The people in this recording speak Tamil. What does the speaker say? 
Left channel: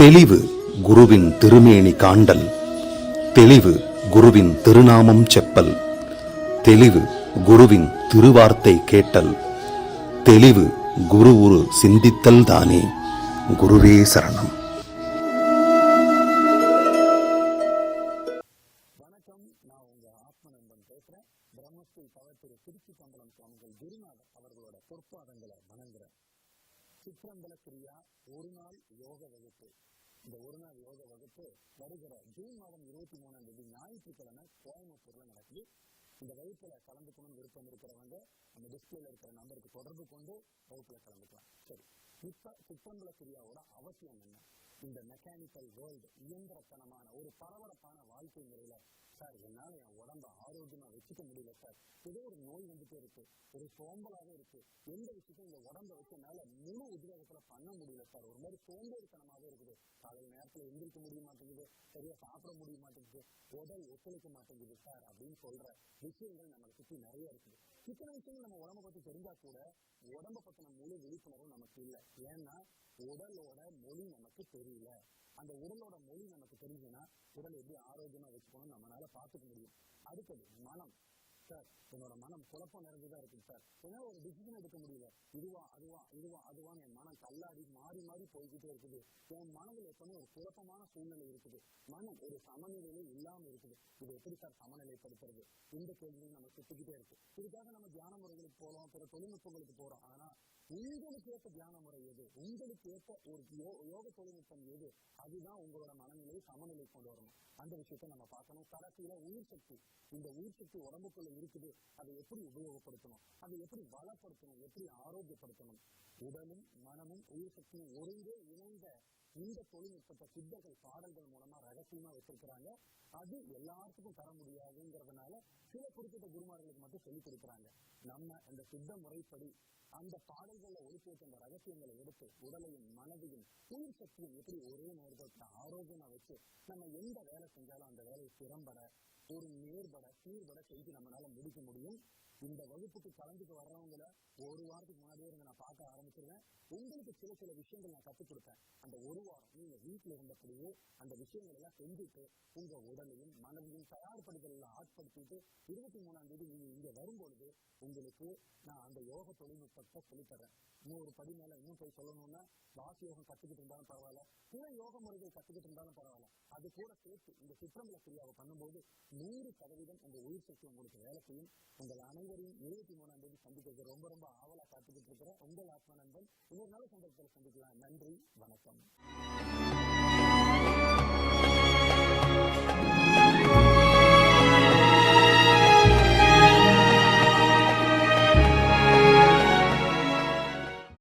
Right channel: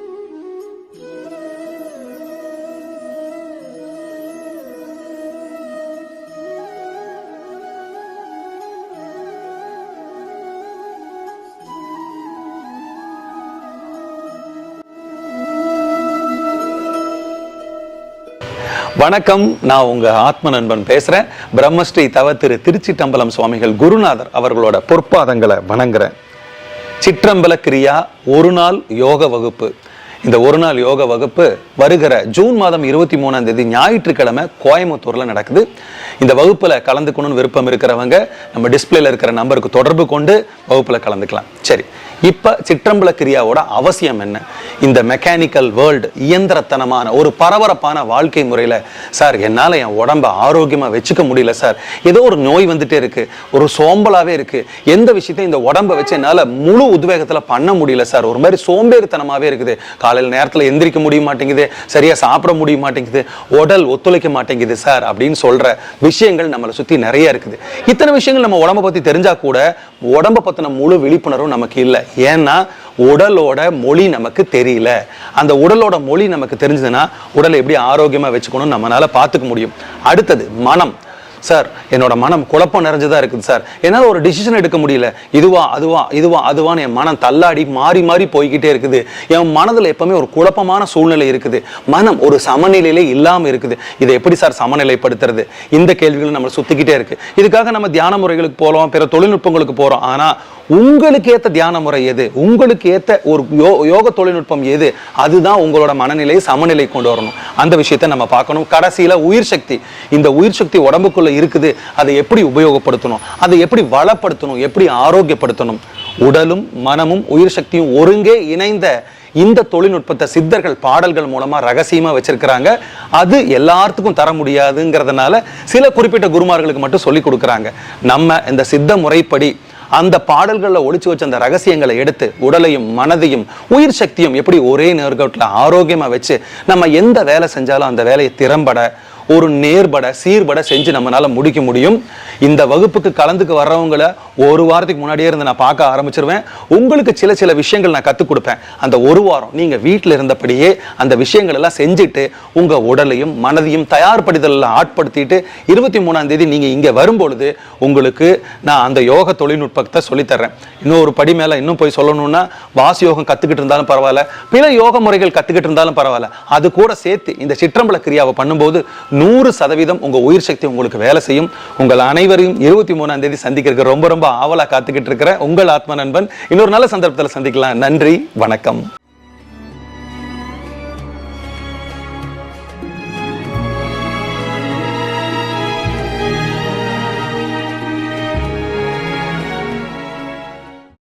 தெளிவு குருவின் திருமேனி காண்டல், தெளிவு குருவின் திருநாமம் செப்பல், தெளிவு குருவின் திருவார்த்தை கேட்டல், தெளிவு குரு உரு சிந்தித்தல் தானே. குருவே சரணம். வணக்கம், நான் உங்க ஆத்ம நண்பன் பேசுறேன். பிரம்மஸ்ரீ தவ திரு திருச்சிற்றம்பலம் சுவாமிகள் குருநாதர் அவர்களோட பொற்பாதங்களை வணங்குறேன். சிற்றம்பல கிரியா ஒரு நாள் யோக வகுப்பு. இந்த ஒரு நாள் யோக வகுப்பு வருகிற ஜூன் மாதம் 23ஆம் தேதி ஞாயிற்றுக்கிழமை கோயம்புத்தூர்ல நடக்குது. இந்த வகுப்புல கலந்துக்கணும்னு விருப்பம் இருக்கிறவங்க நம்ம டிஸ்பிளேல இருக்கிற நம்பருக்கு தொடர்பு கொண்டு வகுப்புல கலந்துக்கலாம். சரி, இப்ப சிற்றம்பல கிரியாவோட அவசியம் என்ன? இந்த மெக்கானிக்கல் வேர்ல்டு, இயந்திரத்தனமான ஒரு பரபரப்பான வாழ்க்கை முறையில சார் என்னால என் உடம்ப ஆரோக்கியமா வச்சுக்க முடியல சார், ஏதோ ஒரு நோய் வந்துட்டே இருக்கு, ஒரு சோம்பலாவே இருக்கு, எந்த விஷயத்தையும் இந்த உடம்ப வச்சு என்னால முழு உத்வேகத்துல பண்ண முடியல சார், ஒரு மாதிரி சோம்பேறித்தனமாவே இருக்குது, காலையில் நேரத்துல எந்திரிக்க முடிய மாட்டேங்குது, சரியா சாப்பிட முடிய மாட்டேங்குது, உடல் ஒத்துழைக்க மாட்டேங்குது சார் அப்படின்னு சொல்ற விஷயங்கள் நம்மளை சுத்தி நிறைய இருக்குது. இத்தனை விஷயங்கள் நம்ம உடம்ப பத்தி தெரிஞ்சா கூட உடம்ப பத்தின முழு விழிப்புணர்வும் நமக்கு இல்லை. ஏன்னா உடலோட மொழி நமக்கு தெரியல. அந்த உடலோட மொழி நமக்கு தெரிஞ்சதுன்னா உடலை எப்படி ஆரோக்கியமா வச்சுக்கணும் நம்மளால பார்த்துக்க முடியும். அடுத்தது மனம். சார் என்னோட மனம் குழப்பம் நிறைஞ்சதா இருக்குது சார், என்னால ஒரு டிசிஷன் எடுக்க முடியல, இதுவா அதுவா இதுவா அதுவான்னு என் மனம் தள்ளாடி மாறி மாறி போய்கிட்டே இருக்குது. என் மனதில் எப்பவுமே ஒரு குழப்பமான சூழ்நிலை இருக்குது, மனம் ஒரு சமநிலையிலே இல்லாம இருக்குது. இதை எப்படி சார் சமநிலைப்படுத்துறது? இந்த கேள்விகள் நம்ம சுத்திக்கிட்டே இருக்கு. இதுக்காக நம்ம தியான முறைகளுக்கு போறோம், பிற தொழில்நுட்பங்களுக்கு போறோம். ஆனா உங்களுக்கு ஏத்த தியான முறை எது, உங்களுக்கு ஏத்த ஒரு யோக தொழில்நுட்பம் எது, அதுதான் உங்களோட மனநிலையை சமநிலை கொண்டு வரணும். அந்த விஷயத்தை நம்ம பார்க்கணும். கடைசியில உயிர் சக்தி. இந்த உயிர் சக்தி உடம்புக்குள்ள இருக்குது, அதை எப்படி உபயோகப்படுத்தணும், அதை எப்படி வளப்படுத்தணும், எப்படி ஆரோக்கியப்படுத்தணும். உடலும் மனமும் உயிர் சக்தியும் ஒருங்கே இணைந்த இந்த தொழில்நுட்பத்தை சித்தர்கள் பாடல்கள் மூலமா ரகசியமா வச்சிருக்கிறாங்க. அது எல்லாத்துக்கும் தர முடியாதுங்கிறதுனால சில குறிப்பிட்ட குருமார்களுக்கு மட்டும் சொல்லி கொடுக்குறாங்க. நம்ம இந்த சித்த முறைப்படி அந்த பாடல்களில் ஒளிச்சு வச்ச அந்த ரகசியங்களை எடுத்து உடலையும் மனதையும் உயிர் சக்தியும் எப்படி ஒரே நேர்கோட்டில் ஆரோக்கியமா வச்சு நம்ம எந்த வேலை செஞ்சாலும் அந்த வேலையை திறம்பட ஒரு நேர்பட சீர்பட செஞ்சு நம்மளால முடிக்க முடியும். இந்த வகுப்புக்கு கலந்துக்கு வர்றவங்களை ஒரு வாரத்துக்கு முன்னாடியே இருந்து நான் பார்க்க ஆரம்பிச்சிருவேன். உங்களுக்கு சில சில விஷயங்கள் நான் கற்றுக் கொடுப்பேன். அந்த ஒரு வாரம் நீங்க வீட்டில் இருந்தபடியே அந்த விஷயங்கள் எல்லாம் செஞ்சுட்டு உங்க உடலையும் மனதையும் தயார்படுத்தல ஆட்படுத்திட்டு 23ஆம் தேதி நீங்க இங்க வரும்பொழுது உங்களுக்கு நான் அந்த யோக தொழில்நுட்பத்தை சொல்லித்தர்றேன். இன்னொரு படி மேல இன்னும் போய் சொல்லணும்னா வாசி யோகம் கத்துக்கிட்டு இருந்தாலும் பரவாயில்ல, பிற யோக முறைகள் கத்துக்கிட்டு இருந்தாலும் பரவாயில்ல, அது கூட சேர்த்து இந்த சிற்றம்பல கிரியாவை பண்ணும்போது 100% உங்க உயிர் சக்தி உங்களுக்கு வேலை செய்யும். உங்கள் அனைவரையும் 23ஆம் தேதி சந்திக்கிறதுக்கு ரொம்ப ரொம்ப ஆவலா காத்துக்கிட்டு இருக்கிற உங்கள் ஆத்ம நண்பன். இன்னொரு நல்ல சந்தர்ப்பத்தில் சந்திக்கலாம். நன்றி, வணக்கம்.